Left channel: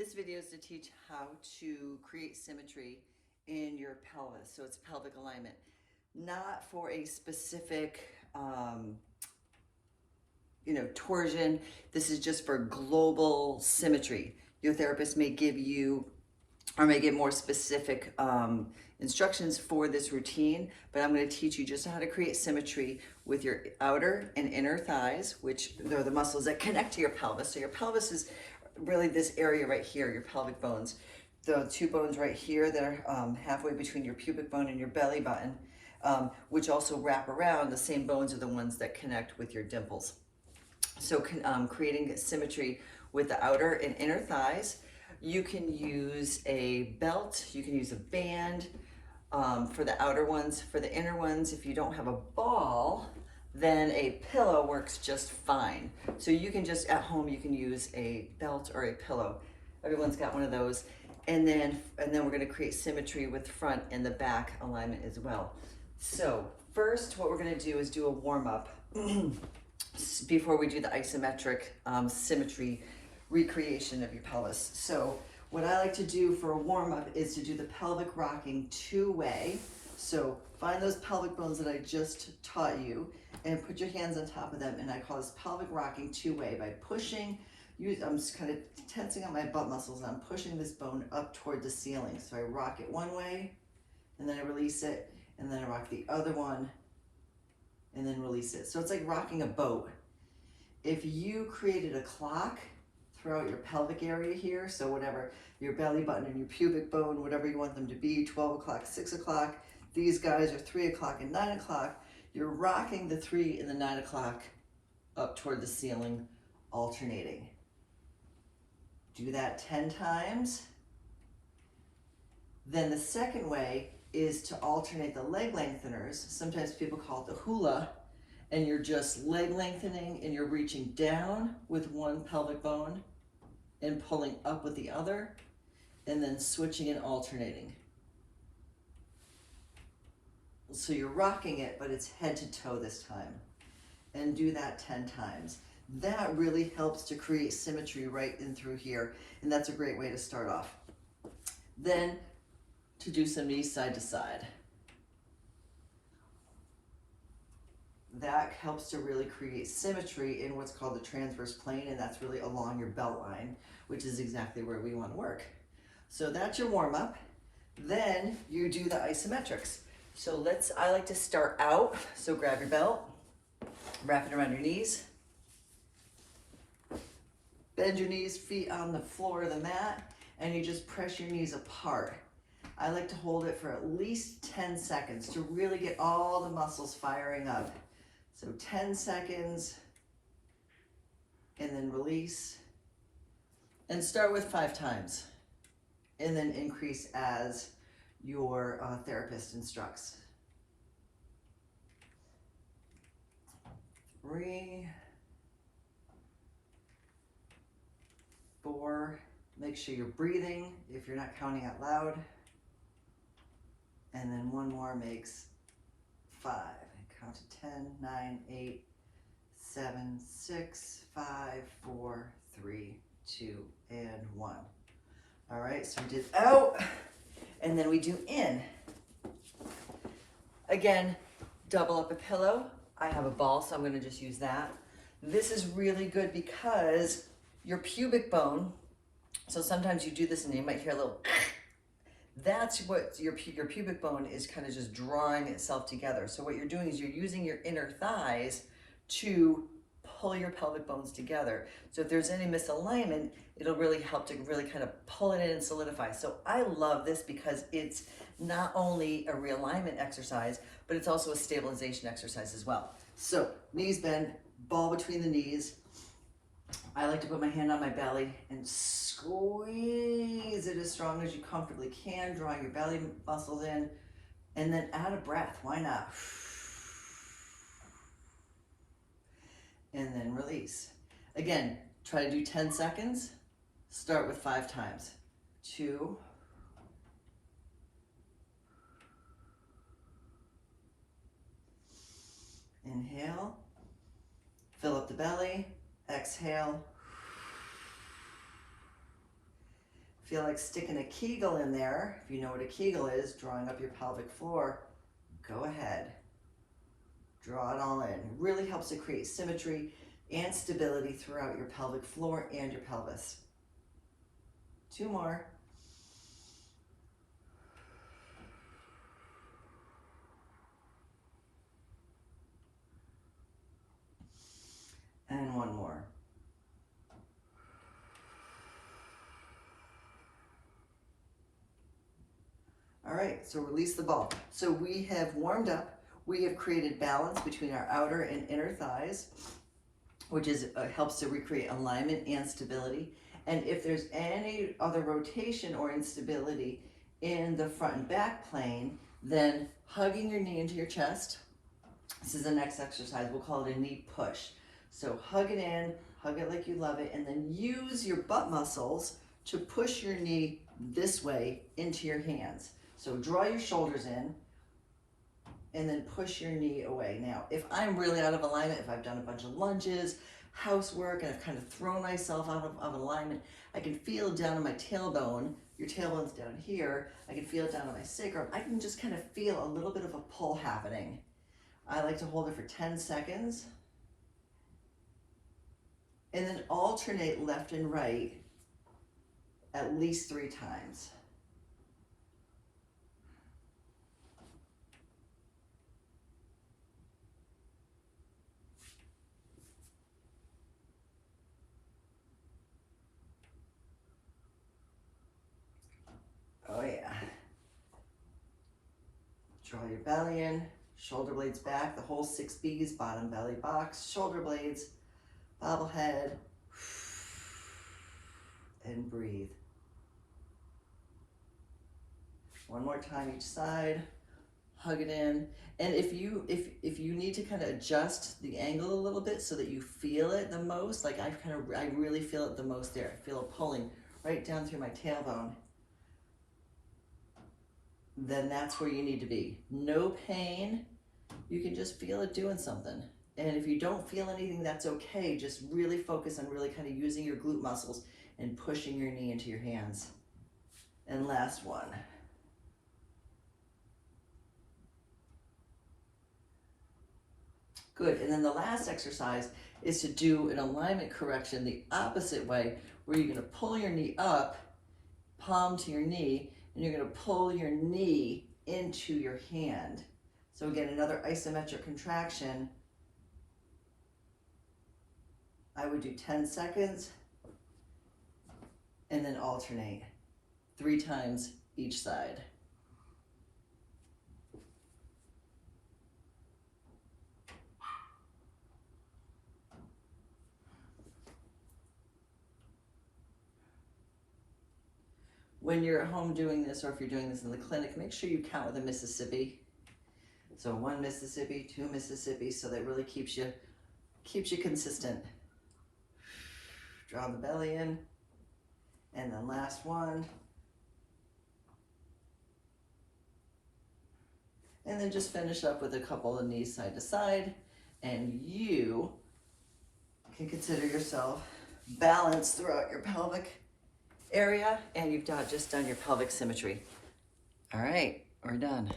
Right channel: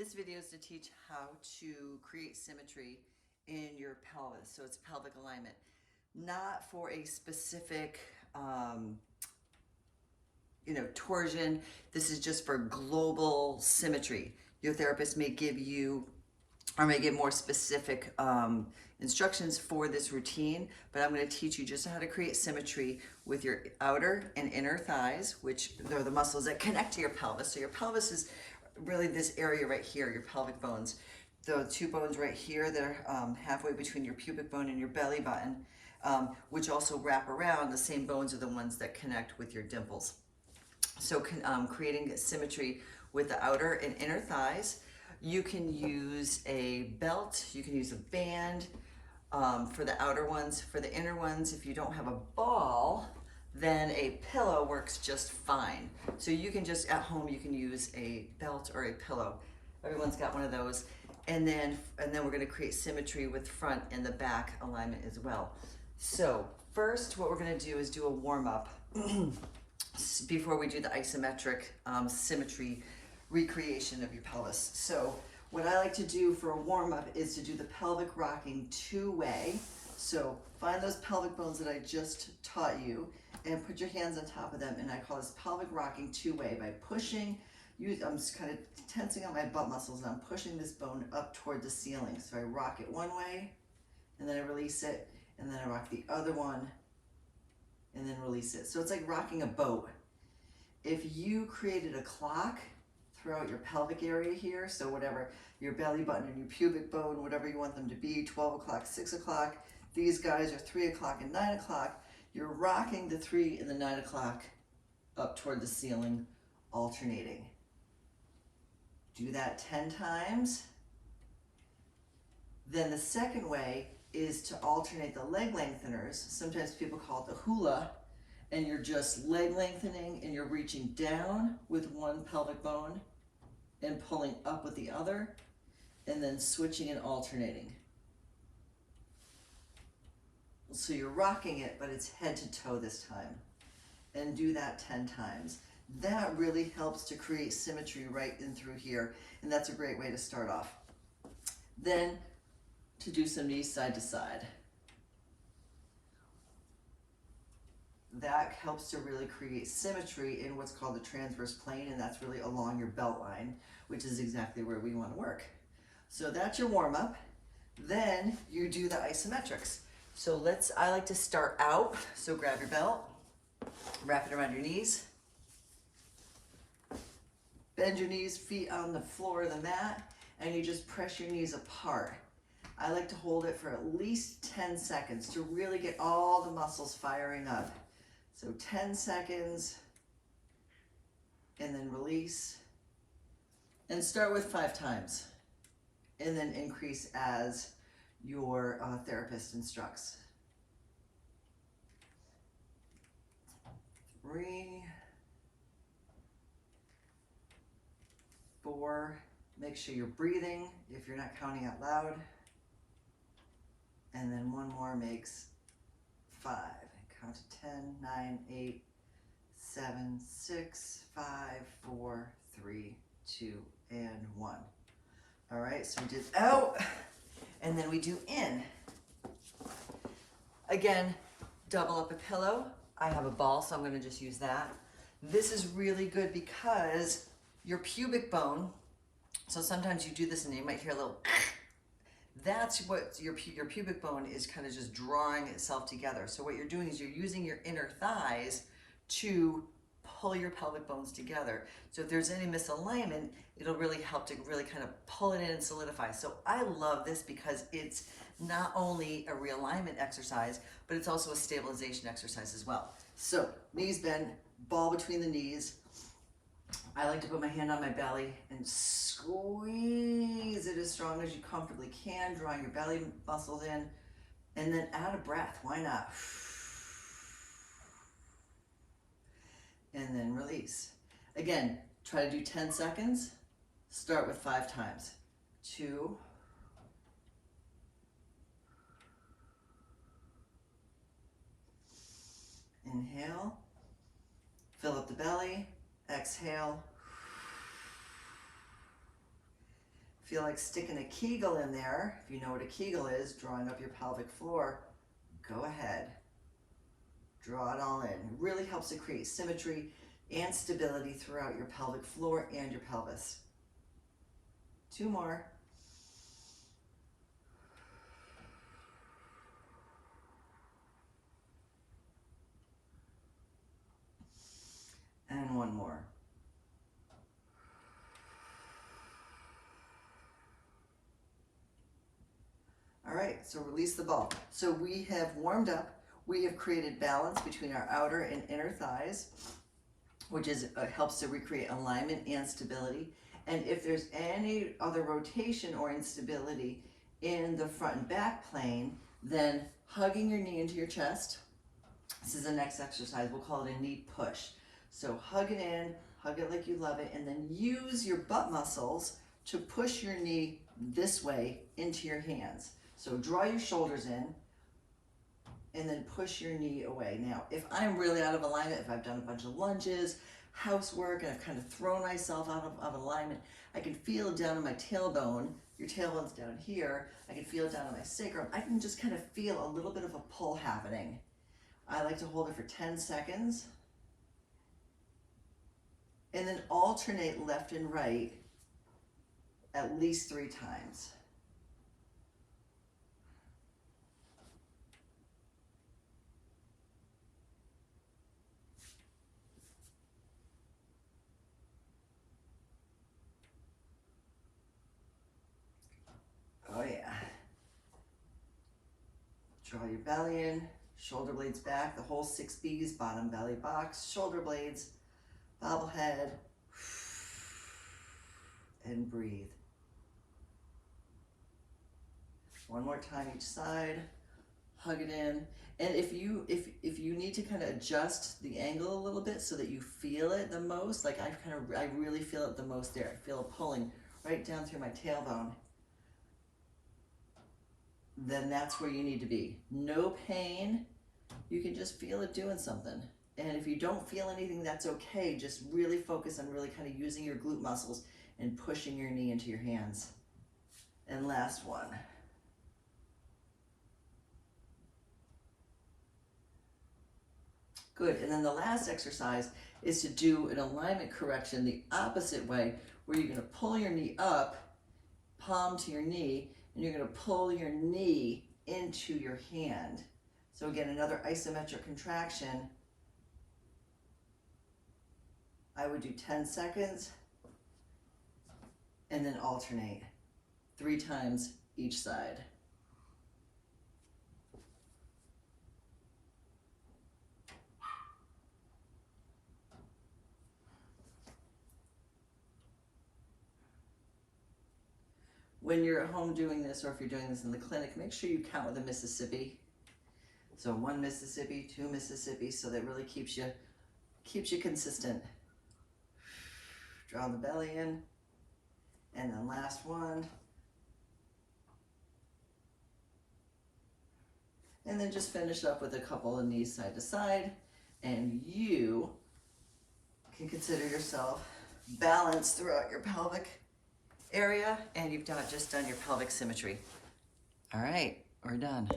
This video is to teach how to create symmetry in your pelvis. So it's pelvic alignment, not for a specific, torsion. This is just for global symmetry. Your therapist may give you or may give more specific instructions for this routine, but I'm going to teach you just how to create symmetry with your outer and inner thighs, which are the muscles that connect to your pelvis. So your pelvis is really this area right here, your pelvic bones. The two bones right here that are halfway between your pubic bone and your belly button, which also wrap around. The same bones are the ones that connect with your dimples. So creating symmetry with the outer and inner thighs. You can use a belt, you can use a band for the outer ones. For the inner ones, if you don't have a ball, then a pillow works just fine. So you can just, at home, you can use a belt or a pillow. Everyone's got one of those. And then we're gonna create symmetry with front and the back alignment as well. So first, what we're gonna do is do a warm up before we do the isometric symmetry recreation of your pelvis. So what I like to do for a warm-up is to do the pelvic rocking two-way. So find those pelvic bones that I just taught you and put your hands on top of them, and I call this pelvic rocking two-way by pushing. I'm just kind of tensing out my butt muscles and I'm pushing this bone up toward the ceiling. So I rock it one way and then I release it, and then I rock the other one and then release it. So it's like rocking a boat. If you created a clock throughout your pelvic area here, so whatever, your belly button and your pubic bone, whatever you want them to be, 12 o'clock, 6 o'clock, these guys are 3 o'clock and 9 o'clock, you're rocking the 3 and the 9 o'clock up toward the ceiling, alternating. Do that 10 times. Then the second way is to alternate the leg lengtheners. Sometimes people call it the hula, and you're just leg lengthening and you're reaching down with one pelvic bone and pulling up with the other, and then switching and alternating. So you're rocking it, but it's head to toe this time. And do that 10 times. That really helps to create symmetry right in through here, and that's a great way to start off. Then to do some knees side to side. That helps to really create symmetry in what's called the transverse plane, and that's really along your belt line, which is exactly where we want to work. So that's your warm-up. Then you do the isometrics. So I like to start out, so grab your belt, wrap it around your knees, bend your knees, feet on the floor of the mat, and you just press your knees apart. I like to hold it for at least 10 seconds to really get all the muscles firing up. So 10 seconds, and then release. And start with 5 times, and then increase as your therapist instructs. 3, 4, make sure you're breathing if you're not counting out loud. And then one more makes 5. Count to 10, 9, 8, 7, 6, 5, 4, 3, 2, and 1. All right, so we did out, and then we do in. Again, double up a pillow. I have a ball, so I'm gonna just use that. This is really good because your pubic bone, so sometimes you do this and you might hear a little that's what your pubic bone is kind of just drawing itself together. So what you're doing is you're using your inner thighs to pull your pelvic bones together. So if there's any misalignment, it'll really help to really kind of pull it in and solidify. So I love this because it's not only a realignment exercise, but it's also a stabilization exercise as well. So knees bend, ball between the knees. I like to put my hand on my belly and squeeze it as strong as you comfortably can, drawing your belly muscles in, and then add a breath. Why not? And then release. Again, try to do 10 seconds. Start with 5 times. 2, inhale, fill up the belly. Exhale. Feel like sticking a Kegel in there. If you know what a Kegel is, drawing up your pelvic floor, go ahead. Draw it all in. It really helps to create symmetry and stability throughout your pelvic floor and your pelvis. 2 more. And 1 more. All right, so release the ball. So we have warmed up. We have created balance between our outer and inner thighs, which is helps to recreate alignment and stability. And if there's any other rotation or instability in the front and back plane, then hugging your knee into your chest. This is the next exercise. We'll call it a knee push. So hug it in, hug it like you love it, and then use your butt muscles to push your knee this way into your hands. So draw your shoulders in and then push your knee away. Now, if I'm really out of alignment, if I've done a bunch of lunges, housework, and I've kind of thrown myself out of alignment, I can feel down in my tailbone, your tailbone's down here, I can feel it down in my sacrum. I can just kind of feel a little bit of a pull happening. I like to hold it for 10 seconds and then alternate left and right at least 3 times. Oh yeah. Draw your belly in, shoulder blades back, the whole 6 B's, bottom belly box, shoulder blades, bobblehead, and breathe. 1 more time each side, hug it in. And if you need to kind of adjust the angle a little bit so that you feel it the most, like I really feel it the most there. I feel it pulling right down through my tailbone. Then that's where you need to be. No pain. You can just feel it doing something. And if you don't feel anything, that's okay. Just really focus on really kind of using your glute muscles and pushing your knee into your hands. And last one. Good. And then the last exercise is to do an alignment correction the opposite way, where you're going to pull your knee up, palm to your knee, and you're going to pull your knee into your hand. So again, another isometric contraction. I would do 10 seconds and then alternate 3 times each side. When you're at home doing this, or if you're doing this in the clinic, make sure you count with a Mississippi. So 1 Mississippi, 2 Mississippi, so that really keeps you consistent. Draw the belly in, and then last one. And then just finish up with a couple of knees side to side, and you can consider yourself balanced throughout your pelvic area, and you've just done your pelvic symmetry. All right, we're done.